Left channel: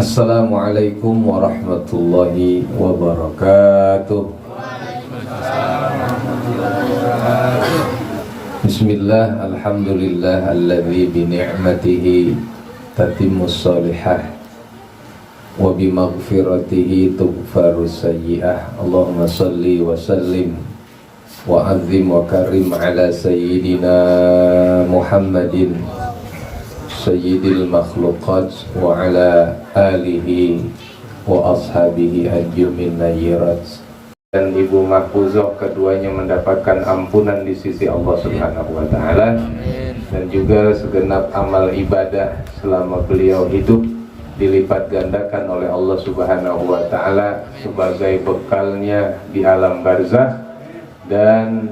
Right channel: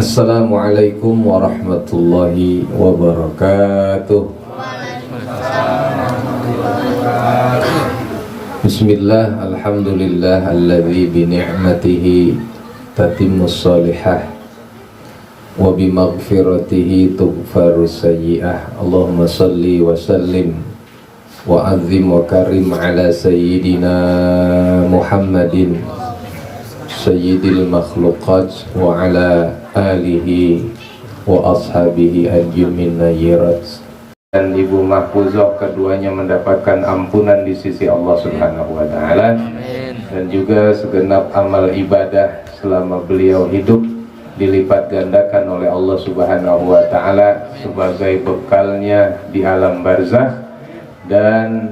Assalamualaikum warahmatullahi wabarakatuh. Bismillah, alhamdulillah alladzi bi ni'matihi tatimmus salihah wa bi maghfiratihi tughfarus sayyi'ah. Allahumma salli wa sallim wa azim wa karim ala sayyidina Muhammadin sayyidil makhluqat wa ala alihi wa ashabihi ajmin nayyirat. Dan Ibu Mahfuzah keduanya mendapatkan ampunan di sisi Allah Subhanahu wa taala. Dan juga segenap amal ibadah selama beliau hidup dilipat gandakan oleh Allah Subhanahu wa taala sebagai bekalnya di alam barzakh, dan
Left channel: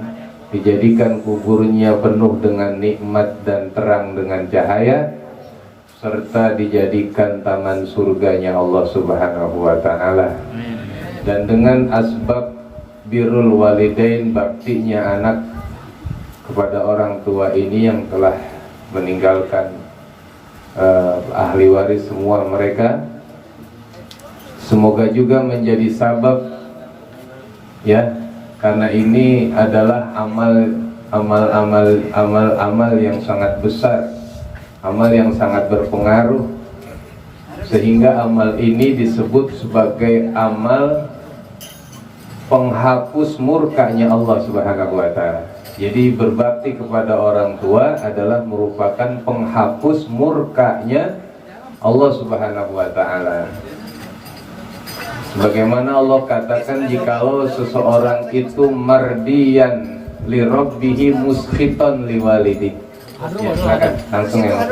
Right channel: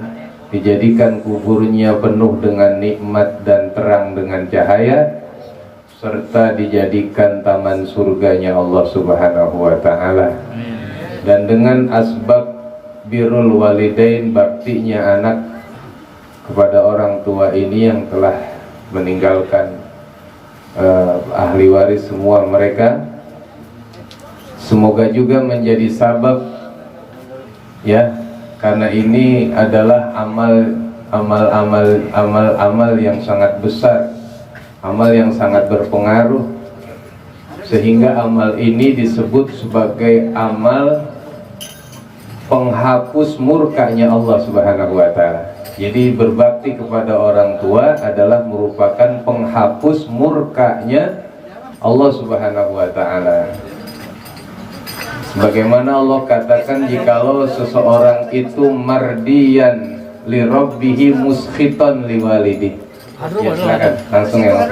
dijadikan kuburnya penuh dengan nikmat dan terang dengan cahaya, serta dijadikan taman surganya Allah Subhanahu wa taala. Dan dengan asbab birrul walidain, baktinya anak kepada orang tua ini yang telah meninggalkan ahli waris semua mereka, semoga juga menjadi sabab, ya, karena ini adalah amal yang sangat besar, amal yang sangat berpengaruh, sehingga amal ini disebut sebagai amal penghapus murkanya Allah Subhanahu wa taala. Jadi berbakti kepada orang tua adalah merupakan penghapus murkanya Allah Subhanahu wa taala. Sebagaimana Allah katakan, jikalau seseorang itu mardiyan li rabbihi muskhiton li walidi. Ya, silakan langsung ya.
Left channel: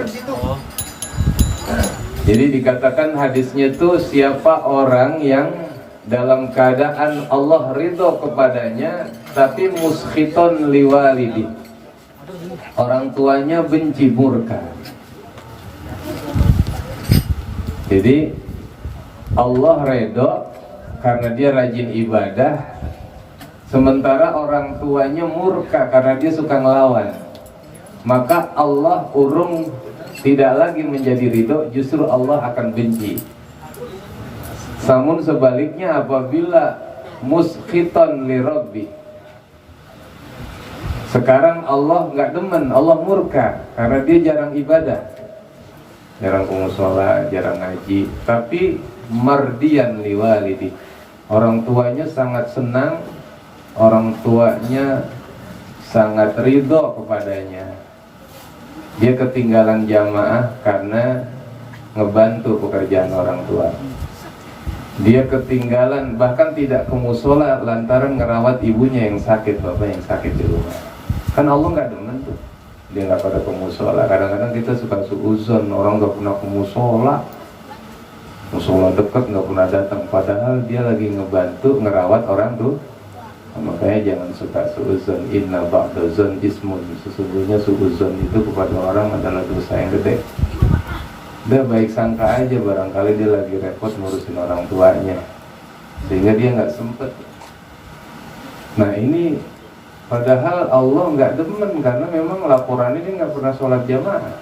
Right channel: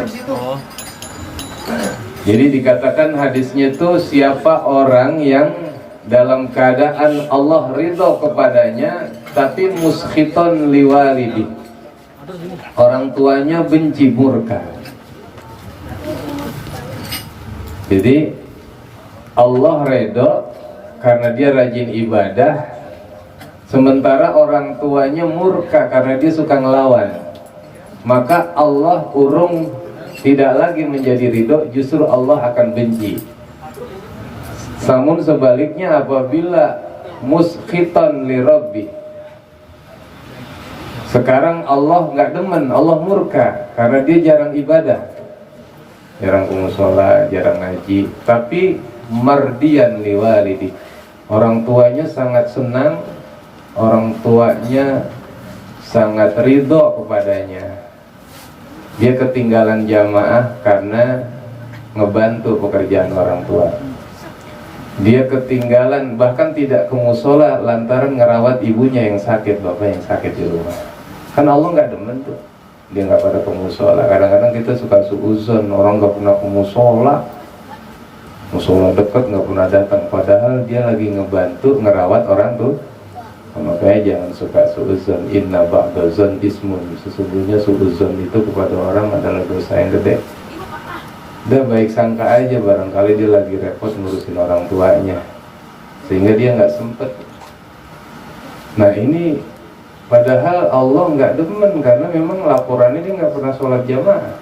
Jadi dikatakan hadisnya itu, siapa orang yang dalam keadaan Allah ridho kepadanya tapi muskhiton li walidi, orang tuanya benci murka. Jadi Allah ridho karena dia rajin ibadah, sementara orang tuanya murka karena dia suka ngelawan. Maka Allah urung tidak lagi menjadi ridho, justru Allah akan benci. Namun sebaliknya, apabila muskhiton li rabbi, sekarang Allah nggak demen, Allah murka karena dia jarang ibadah, jarang musola, jarang ngaji, tapi mardiyan li walidi, orang tuanya sangat senang, orang tuanya sangat ridho kepadanya. Dia ketinggalan jamaah karena ngebantu pekerjaan orang tua. Dia ketinggalan, bahkan tidak ke musola lantaran ngerawat ibunya yang sakit, bapak yang sakit di rumah. Kan Allah nggak demen tuh, dia nggak pada ke musola. Kadang-kadang kita suka suuzon, orang nggak pernah ke musola, musola dekat nggak pernah datang, padahal dia lagi ngebantu ngerawat orang tuh. Makanya jangan suka suuzon. Inna ba'dazon ismun, sesungguhnya suuzon itu kepada orang adalah dosa yang gede. Udah baik sangka aja, barangkali dia lagi repot ngurusin orang tuanya sehingga dia nggak sempet. Nah ini padahal Allah nggak demen, karena memang laporan ini nggak pernah sholat jamaah.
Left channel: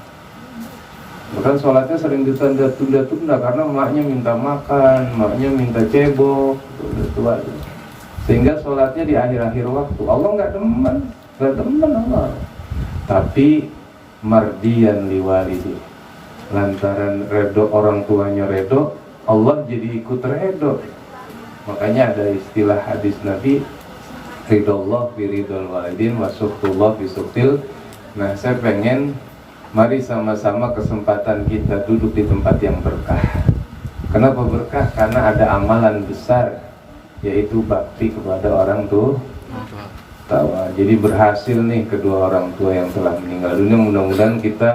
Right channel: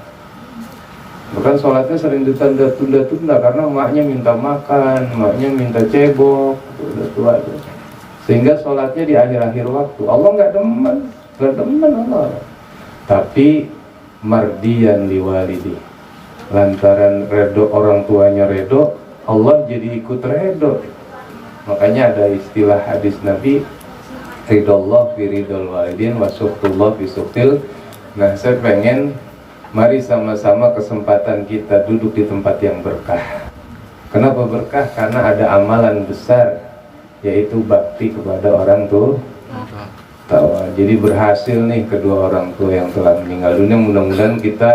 Bahkan sholatnya sering ditunda-tunda karena maknya minta makan, maknya minta cebok, udah tua, sehingga sholatnya di akhir-akhir waktu. Allah nggak demen Allah. Tapi mardiyan liwalidi, lantaran redo orang tuanya redo, Allah jadi ikut redo. Makanya ada istilah hadis Nabi, ridallah fi ridal walidin wa suhtullah fi suhtil. Nah, saya pengen mari sama-sama kesempatan kita duduk di tempat yang berkah. Kenapa berkah? Karena ada amalan besar, yaitu bakti kepada orang tua. Jadi berhasil nih kedua orang tua yang telah meninggal dunia. Mudah-mudahan kita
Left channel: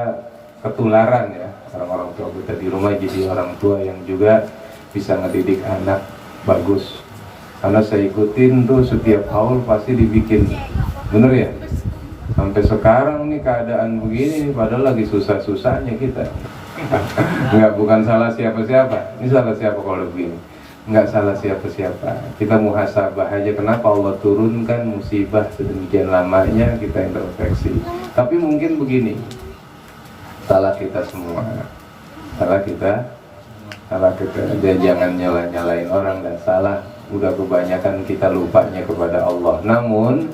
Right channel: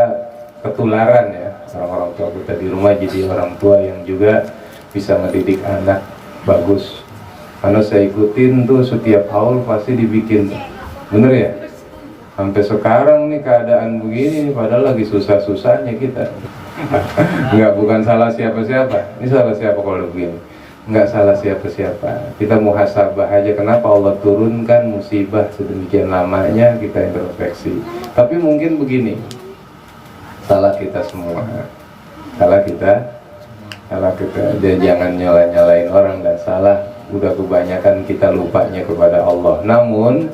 ketularan ya, orang-orang tua kita di rumah jadi orang tua yang juga bisa ngedidik anak bagus. Karena saya ikutin tuh setiap haul pasti dibikin, bener ya? Sampai sekarang nih keadaan begini, padahal lagi susah-susahnya kita. Enggak, bukan salah siapa-siapa. Ini salah siapa kalau begini? Enggak salah siapa-siapa. Kita muhasabah aja, kenapa Allah turunkan musibah sedemikian lamanya, kita introspeksi. Tapi mungkin begini, salah kita semua. Salah kita salah kita, jangan nyalain orang, dan salah. Udah kebanyakan kita lupanya kepada Allah. Namun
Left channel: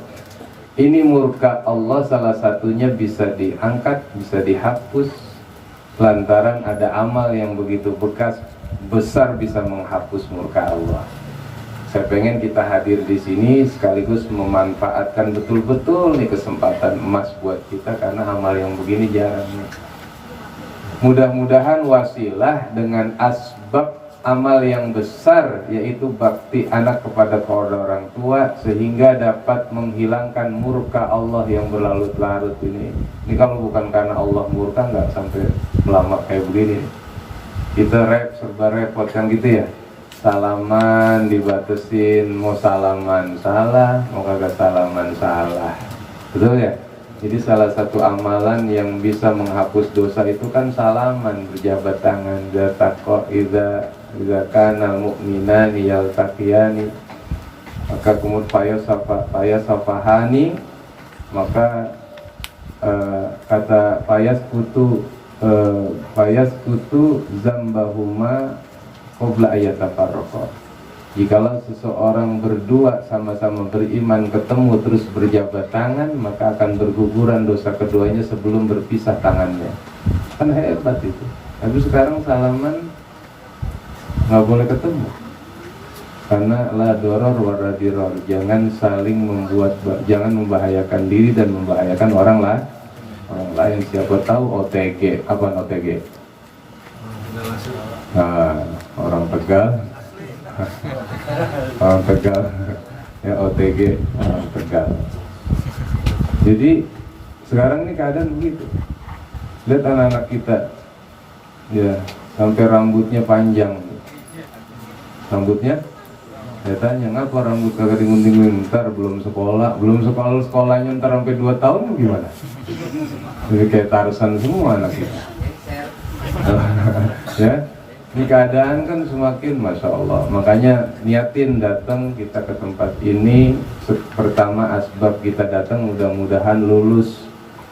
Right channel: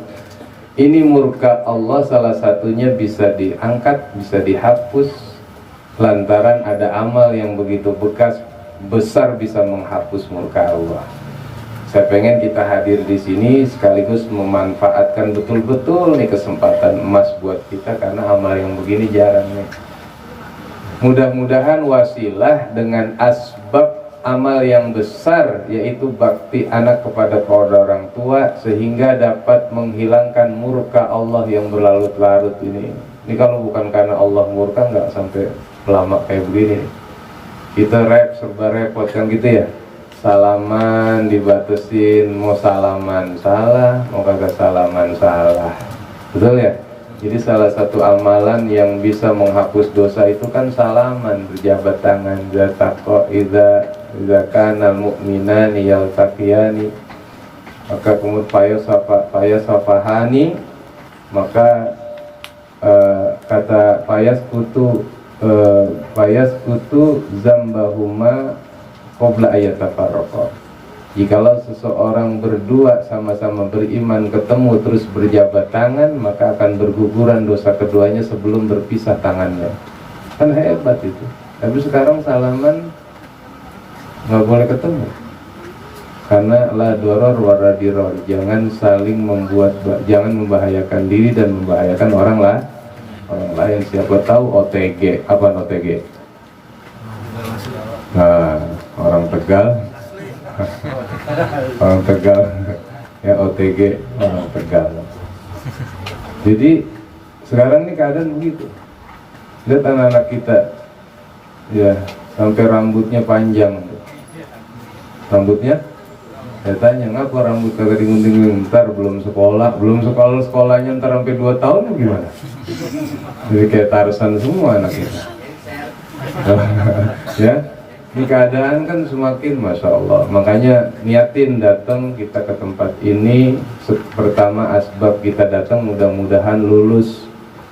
ini murka Allah salah satunya bisa diangkat, bisa dihapus lantaran ada amal yang begitu bekas besar bisa menghapus murka Allah. Saya pengen kita hadir di sini sekaligus memanfaatkan betul-betul nih kesempatan emas buat kita, karena amal yang begini jarang nih. Mudah-mudahan wasilah dengan asbab amal yang besar, yaitu bakti anak kepada kedua orang tua, sehingga dapat menghilangkan murka Allah yang berlarut-larut ini. Ini kalau bukan karena Allah murka nggak sampai lama kayak begini. Kita serba repot kan gitu ya. Salaman dibatasin, mau salaman salah, mau kagak salaman salah. Betul ya? Jadi salah satu amalan yang bisa menghapus dosa itu kan salaman, berjabat tangan. Idza kana mu'minani yaltaqiyani, maka kemudian fayasafahani, maka kata fayas kutu zambahuma qabla ayatafarraqa. Jikalau seseorang berdua sama-sama beriman ketemu terus berjabat tangan, maka akan berguguran dosa keduanya sebelum berpisah tangannya. Kan hebat itu. Tapi sekarang salaman nggak boleh ketemu, karena la doror wala diror, jangan saling jangan membahayakan diri dan membahayakan orang lain. Siapa tahu OTG, apa OTG? Nah, orang Tegal orang Tegal ya, OTG orang Tegal. Jadi sekarang ini keadaan begitu. Lihat anak-anak kita ya, sampai rambutnya panjang. Rambutnya, saya tanya, ngapa rambut kagak digunting? Ntar belum sekolahnya ntar sampai 2 tahun gimana? Jadi kayak Tarzan semua anak kita. Ya, ini keadaan kan semakin Masya Allah. Makanya niatin datang kita ke tempat ini. Pertama asbab kita datang mudah-mudahan lulus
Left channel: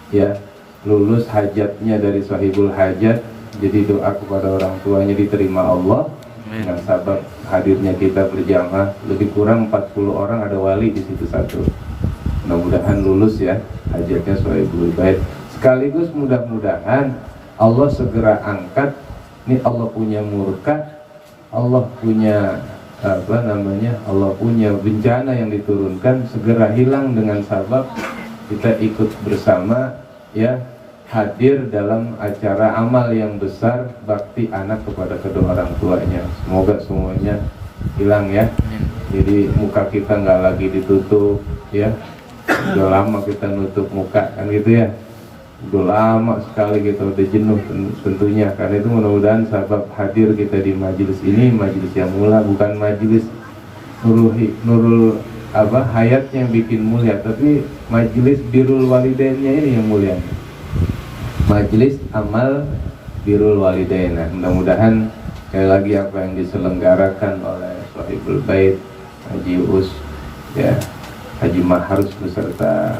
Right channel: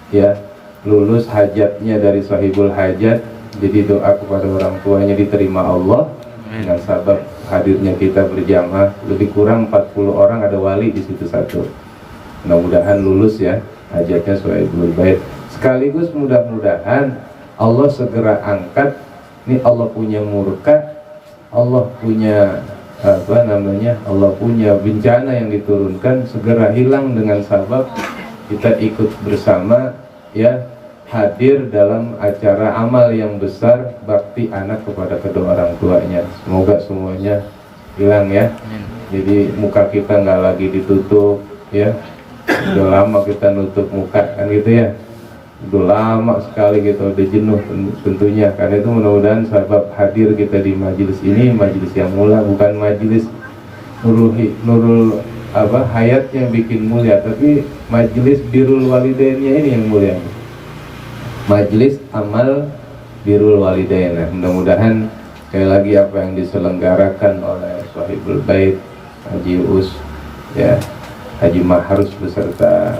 ya, lulus hajatnya dari sahibul hajat. Jadi doa kepada orang tuanya diterima Allah. Dengan sabab hadirnya kita berjamaah, lebih kurang 40 orang ada wali di situ satu. Mudah-mudahan lulus ya hajatnya sahibul bait. Sekaligus mudah-mudahan Allah segera angkat. Ini Allah punya murka, Allah punya Allah punya bencana yang diturunkan, segera hilang dengan sabab kita ikut bersama ya, hadir dalam acara amal yang besar bakti anak kepada kedua orang tuanya. Semoga semuanya hilang ya. Jadi muka kita nggak lagi ditutup ya. Udah lama kita nutup muka kan gitu ya. Udah lama sekali kita udah jenuh tentunya. Karena itu mudah-mudahan sabab hadir kita di majelis ini, majelis yang mulia, bukan majelis nurul hayat yang bikin mulia, tapi majelis birrul walidainnya ini yang mulia. Majelis amal birrul walidain. Mudah-mudahan sekali lagi apa yang diselenggarakan oleh Sahibul Bait Haji Us ya, Haji Maharus beserta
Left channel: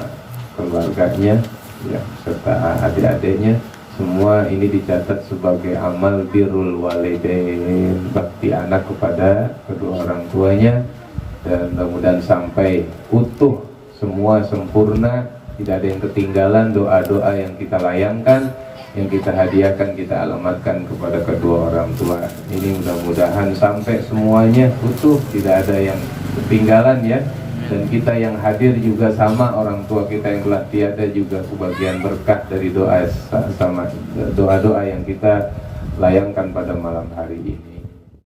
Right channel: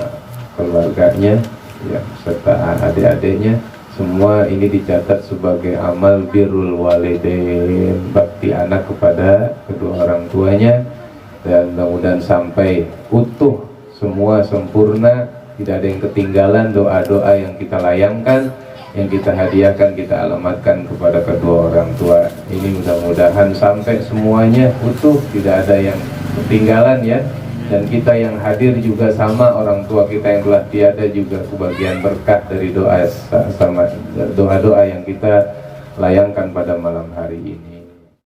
keluarganya ya, serta adik-adiknya, semua ini dicatat sebagai amal birrul walidain, bakti anak kepada kedua orang tuanya, dan mudah-mudahan sampai utuh semua, sempurna, tidak ada yang ketinggalan. Doa-doa yang kita layangkan, yang kita hadiahkan, kita alamatkan kepada kedua orang tua ini, mudah-mudahan sampai semuanya utuh, tidak ada yang ketinggalan ya. Dan kita yang hadir juga sama orang tua kita yang telah tiada juga kebagian berkah dari doa sama doa-doa yang kita layangkan pada malam hari ini.